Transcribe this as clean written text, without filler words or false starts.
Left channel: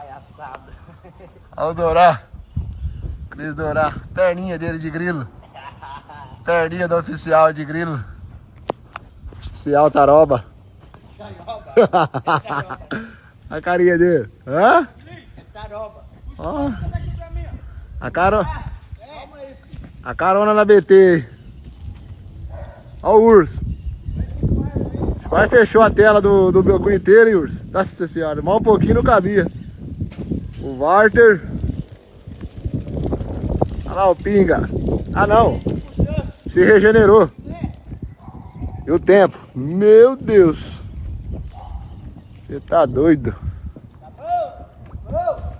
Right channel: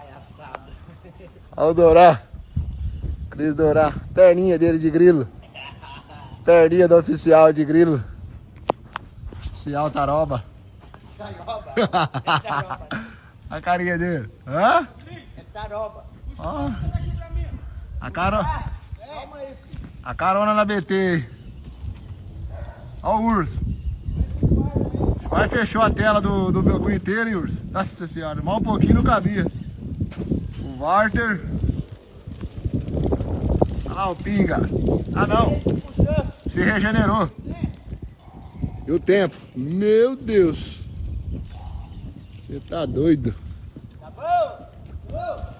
Palhaçada. Olha o Dorá. Cris Dorá. Perninha dele de grilo. Perninha do oficial de grilo. Oficial Taroba. Taroba. É taroba. A carinha dele. Hã? É taroba. Ó. A carona na BT. Ó o urso. Vai, fechou a tela do meu cu inteiro, hein, urso? Nossa senhora, mal um pouquinho não cabia. O Walter. Olha lá o Pinga. Ah não, se regenerou. E o tempo? Meu Deus. Você tá doido. Tá bom? Bom.